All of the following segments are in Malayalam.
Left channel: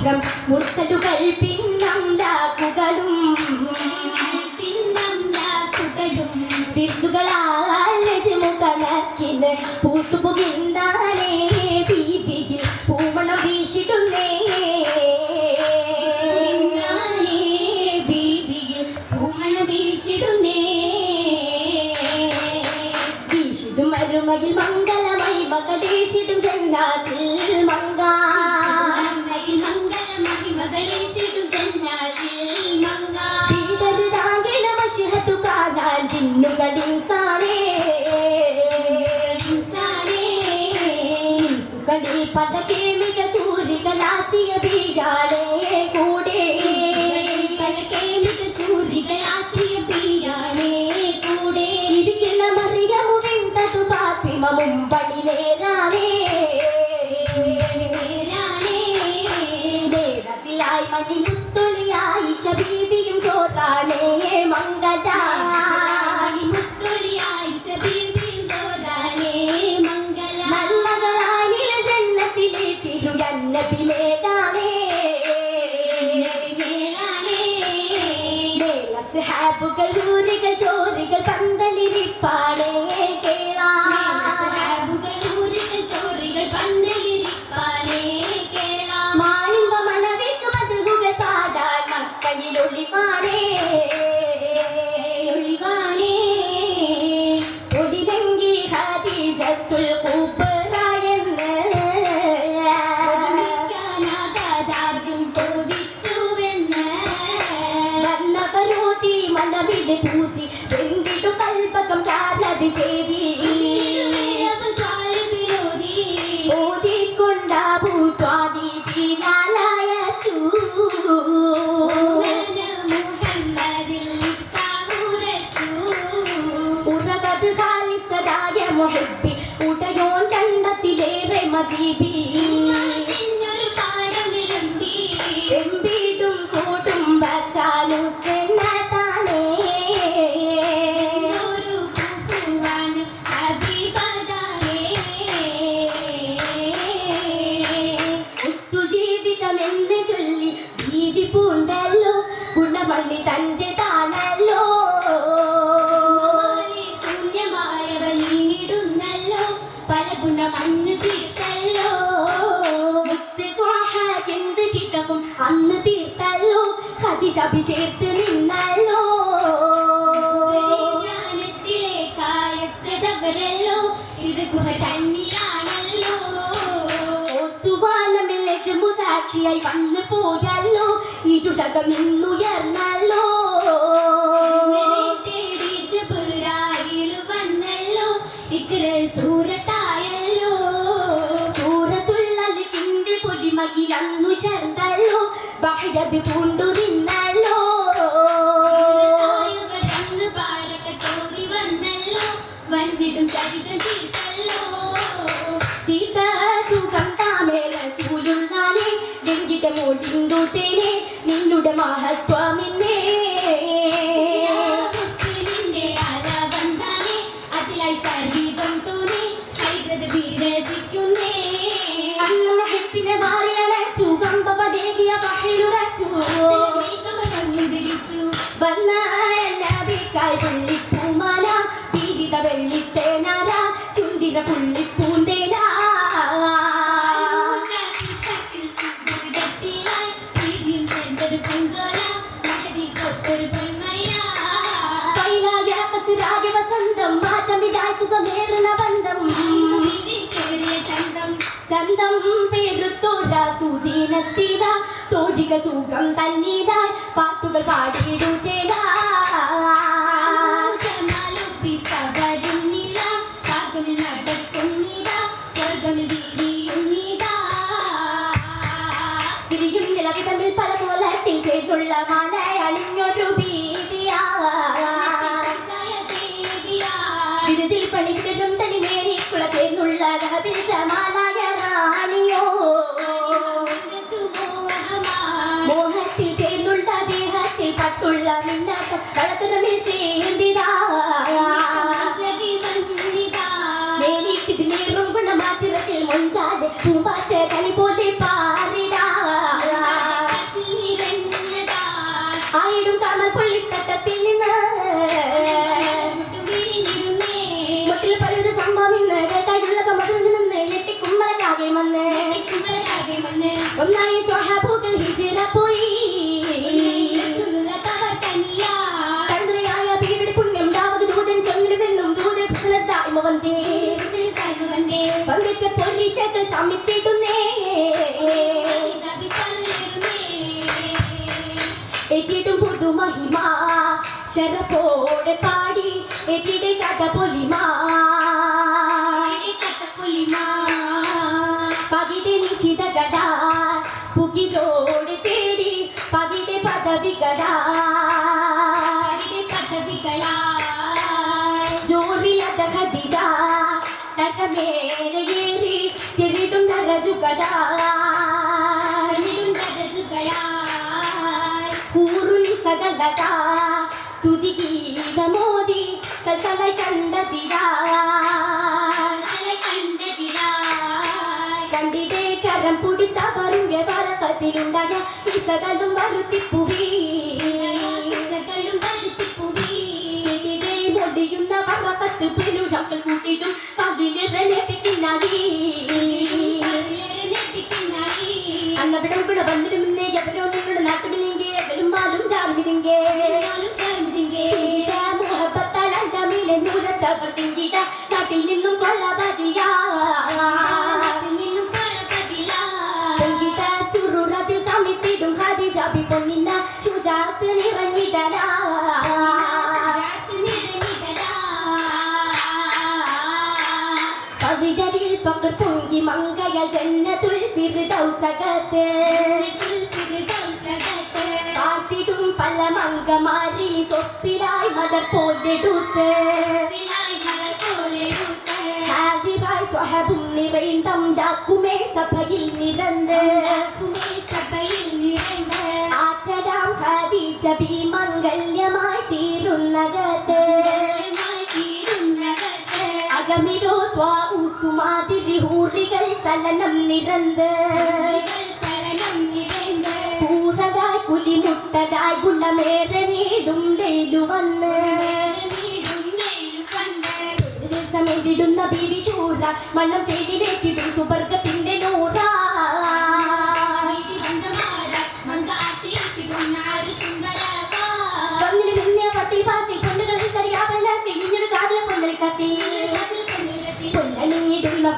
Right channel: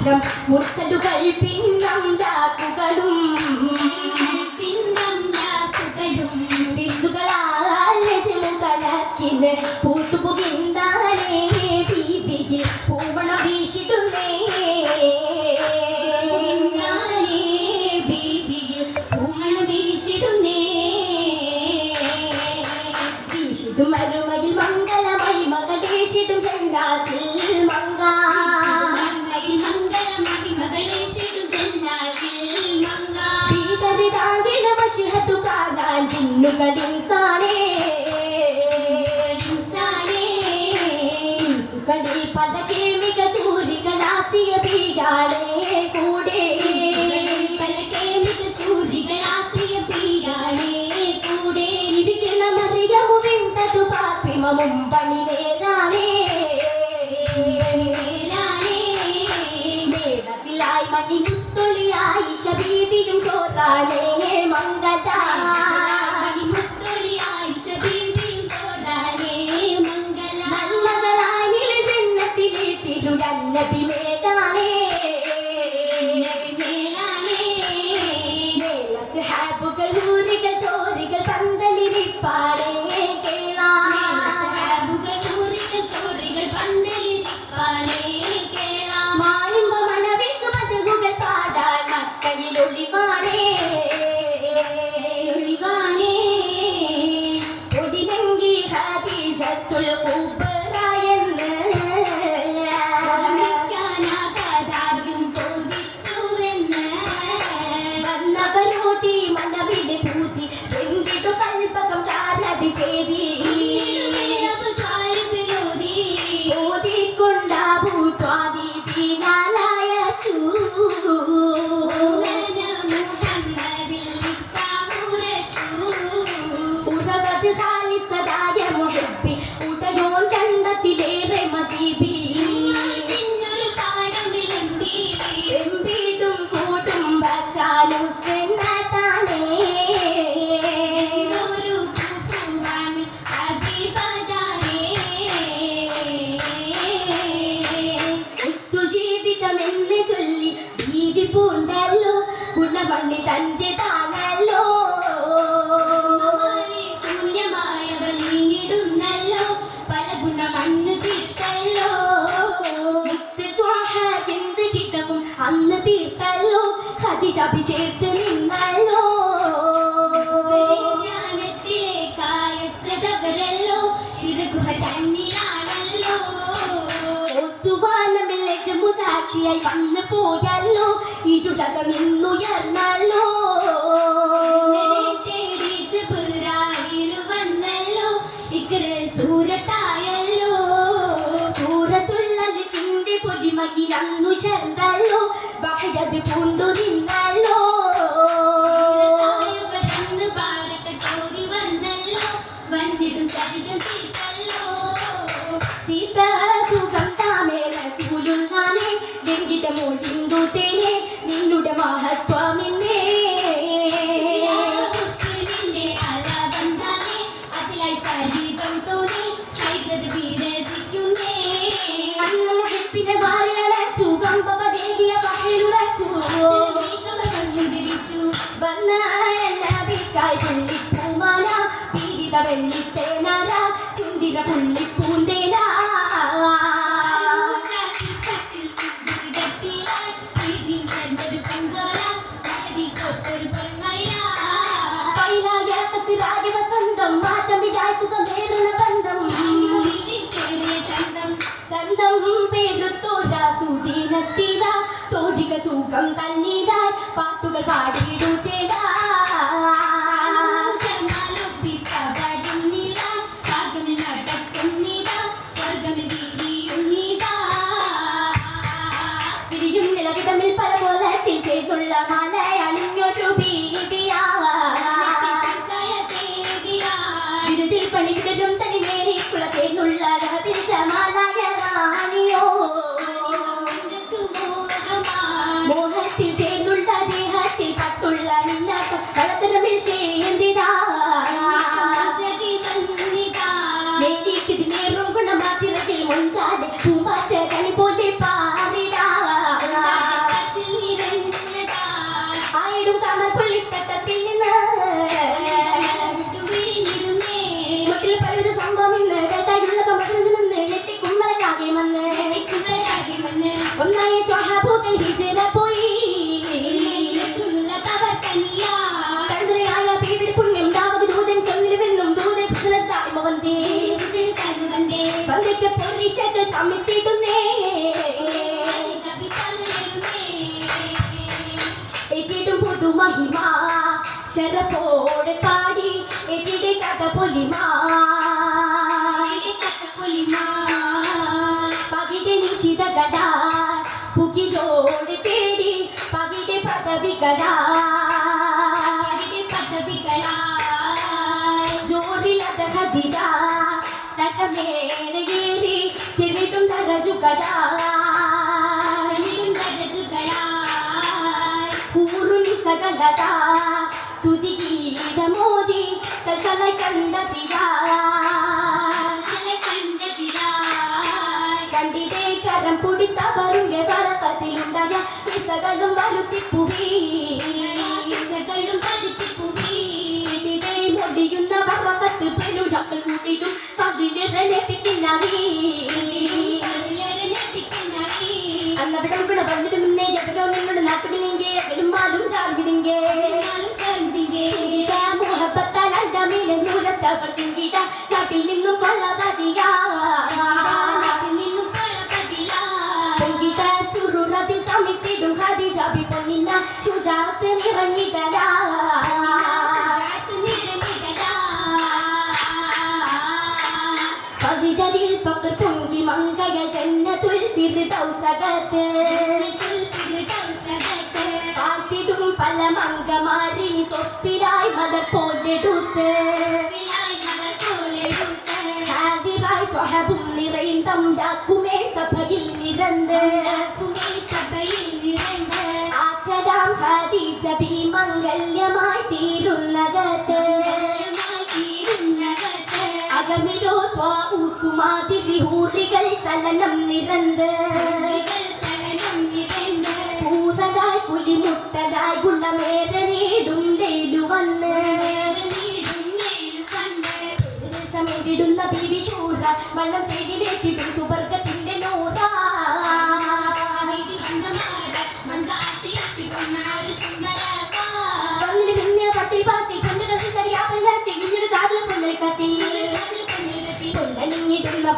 Instagram, muốn xem được Magaling sa أصحابك المولى ചേർത്ത് നിന്നല്ലോ. കായച്ചതവരല്ലോ ഇത് ഗുഹ പോയല്ലോ പൂണ്ടു നിന്നു സുഖം തന്നിലാൽ പാട്ടുകൾ പാടിയിടുചേരാ আমি ఊరుని సగలత స్థుతి గీతమోది సకల కండతిరా కండితే కరం పుడిత పరుంగే వరకతి ఉండగా الفقر تنجي منقيا جنة الفردوس قتل കാത്തിടും പല മങ്കമാരി സ്വപ്പിലായി മതർ പോലെടുത്ത് ായി സ്വഹബും നിറൈന്തം ഡാക്കുമേ സഭയിൽ നിരന്ത് ആറ്റലാം ഹാദി ജബീം നിറന്ത് പൂർണതായി പുലിമുട്ടതായി ഗുണമേറെ നേടും വെയിലു വന്ന് ിടുന്ന ബിരിശൂറ മണ്ണം ചെയ്തിലേറ്റിടും സുവർഗത്തിന്റെ നൂറ.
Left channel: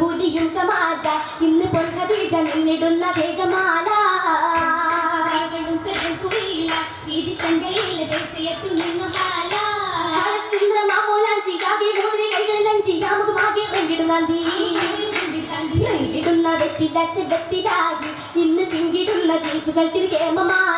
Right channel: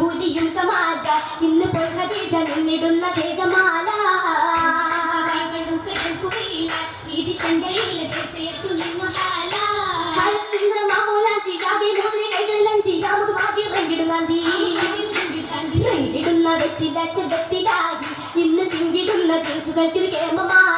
പുലിയുഗമാകാ പൊൻഖദീജമെന്നിടുന്ന തേജമാല ഇന്ന് തിങ്കിടുന്ന ജീസുകൾക്ക് കേമമാ.